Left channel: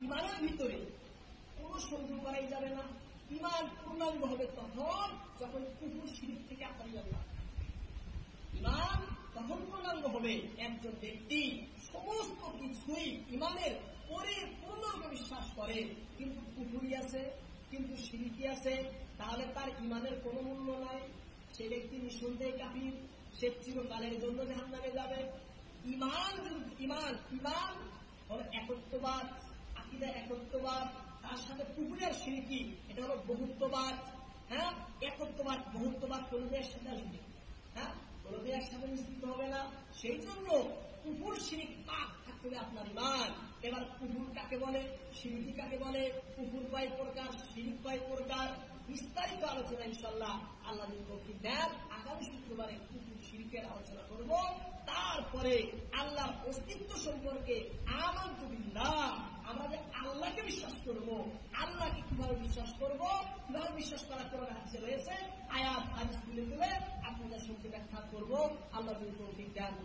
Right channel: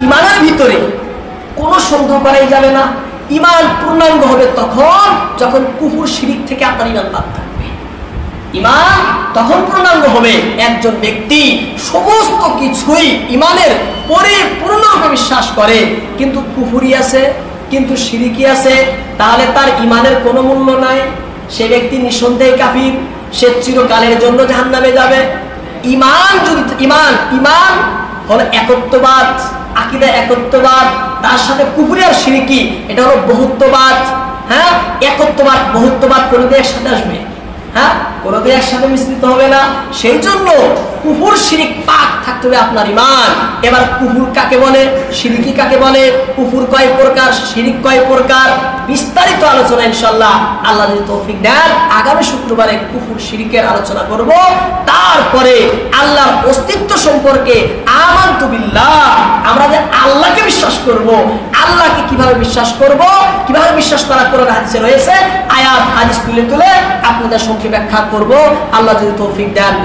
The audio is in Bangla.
ইমানের ভিতরে কোনো সন্দেহ করাই যাবে না। ইমান পূর্ণাঙ্গ হবে তখন যখন কুফর শিরিক থেকে আপনার ইমান বাদ থাকবে। ইমান তখন পূর্ণাঙ্গ হবে একজন ব্যক্তি সমস্ত কিছুই ইমানের পরিপূর্ণরূপে বিশ্বাস করে, কিন্তু কুফরি আছে, কিন্তু শিরিকি আছে, তাহলে তার ইমানের কোনো মূল্য নাই। সে ব্যক্তি নিঃসন্দেহে কাফির, সে চিরকালের জন্য জাহান্নামে যাবে। ইমান যদি ইমান হলো একত্ববাদ, আকীদা একত্ববাদ, তার সাথে কুফরি আর শিরকি এটা হলো বহুত্ববাদ। হ্যাঁ, একত্ববাদ বহুত্ববাদ কোনোদিন একসাথে আসবে? হ্যাঁ, কোনোদিন একসাথে মিশ্রিত হবে না। সেই জন্য কুফর শিরিক পাক থাকতে হবে আপনার ইমান। এবার কুফর কাকে বলে, শিরকি কাকে বলে, কুফর কয় প্রকার, শিরিক কয় প্রকার, বিস্তারিত আলোচনা ইনশাআল্লাহ আল্লাহ যদি তৌফিক দেন আগামী শুক্রবারে কুফর শিরিকের আলোচনা করব। তারপরে আল্লাহর অস্তিত্ব সম্পর্কে আমানতু বিল্লাহ, আমরা যে আল্লাহকে বিশ্বাস করব, আল্লাহকে কিভাবে বিশ্বাস করব, কিভাবে বিশ্বাস করা কোরআন হাদিসে রয়েছে, আয়াত হাদিস তুলে তুলে আপনাদের সম্মুখে ব্যাখ্যা করব আল্লাহ যদি তৌফিক দেন।